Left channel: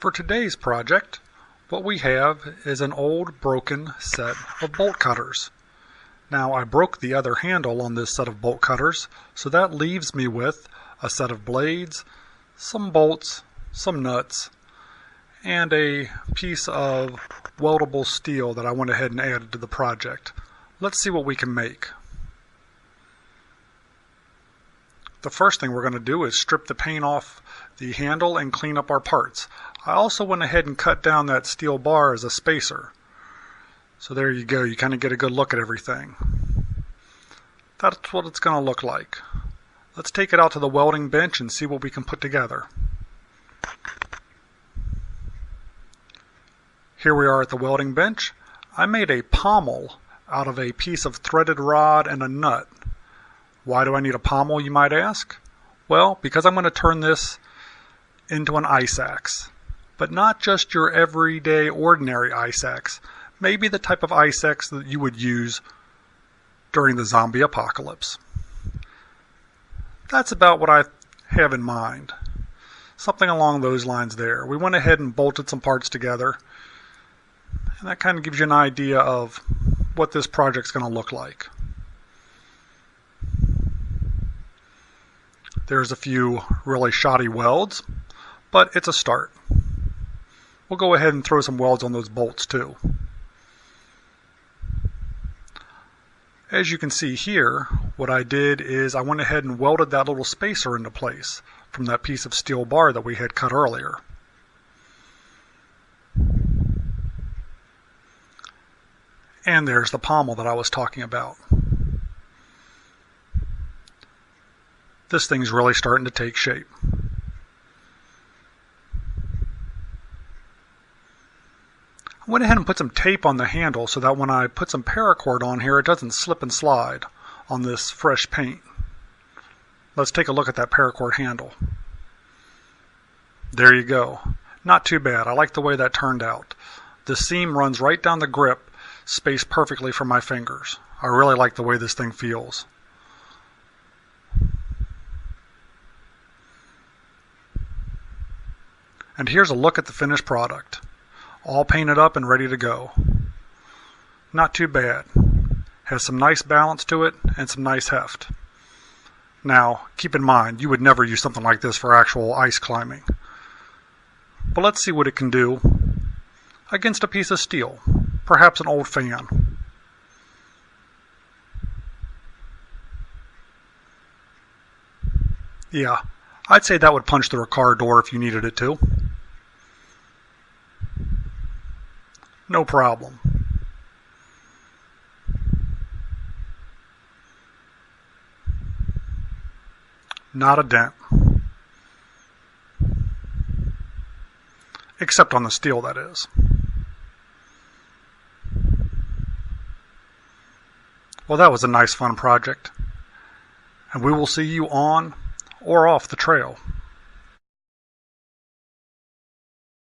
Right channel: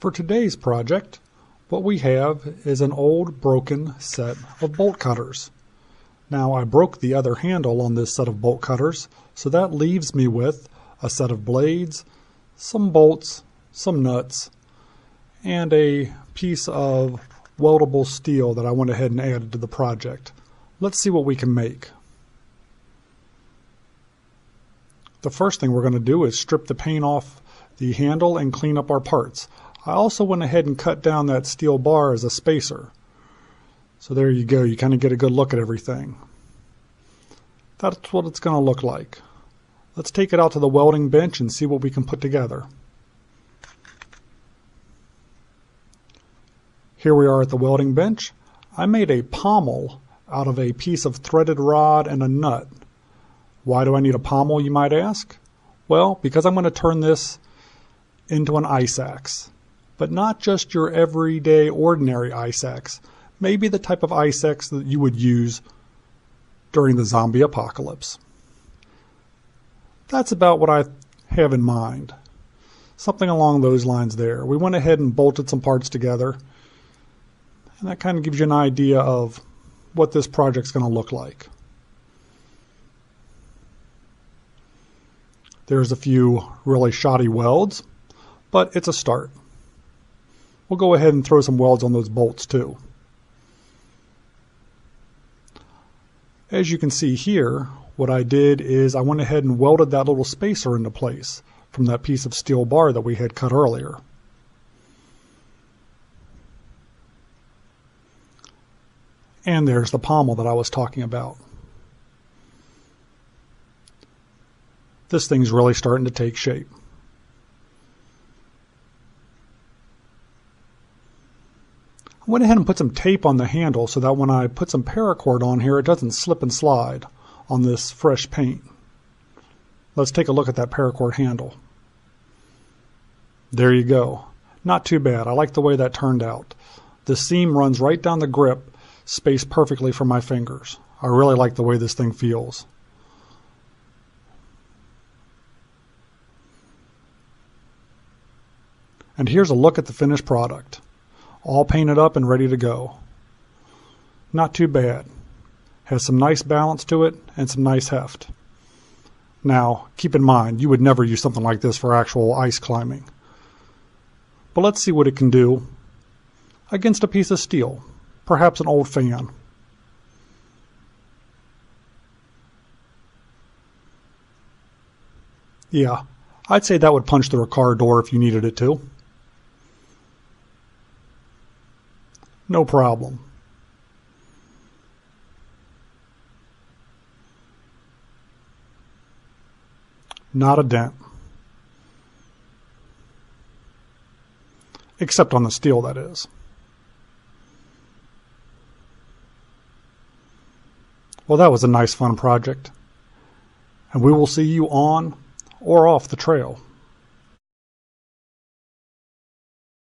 For today's project, what we have is an old broken set of bolt cutters. Now I broke the other handle on this set of bolt cutters, so that leaves me with a set of blades, some bolts, some nuts, and a piece of weldable steel that I went ahead and added to the project. Let's see what we can make. The first thing we're going to do is strip the paint off the handle and clean up our parts. I also went ahead and cut down that steel bar as a spacer. So there you go, you kind of get a good look at everything. That's what it's going to look like. Let's take it out to the welding bench and see what we can put together. Here we are at the welding bench. I made a pommel out of a piece of threaded rod and a nut. Why do I need a pommel, you might ask? Well, because I'm going to turn this into an ice axe. But not just your everyday ordinary ice axe. Maybe the type of ice axe that you would use during the zombie apocalypse. That's about what I have in mind. Something along those lines there. We went ahead and bolted some parts together. And that kind of gives you an idea of what this project's going to look like. There's a few really shoddy welds, but it's a start. We'll go ahead and throw some welds on those bolts too. As you can see here, what I did is I went ahead and welded that little spacer into place from that piece of steel bar that we had cut earlier. And there's the pommel that I was talking about. This thing's really starting to take shape. I went ahead and put some tape on the handle so that when I put some paracord on here, it doesn't slip and slide on this fresh paint. Let's take a look at that paracord handle. There you go. Not too bad. I like the way that turned out. The seam runs right down the grip, spaced perfectly for my fingers. I really like the way this thing feels. And here's a look at the finished product. All painted up and ready to go. Not too bad. Has some nice balance to it and some nice heft. Now, keep in mind, you would never use something like this for actual ice climbing. But let's see what it can do against a piece of steel, perhaps an old fan. Yeah, I'd say that would punch through a car door if you needed it to. No problem. Not a dent. Except on the steel, that is. Well, that was a nice fun project. And we will see you on or off the trail.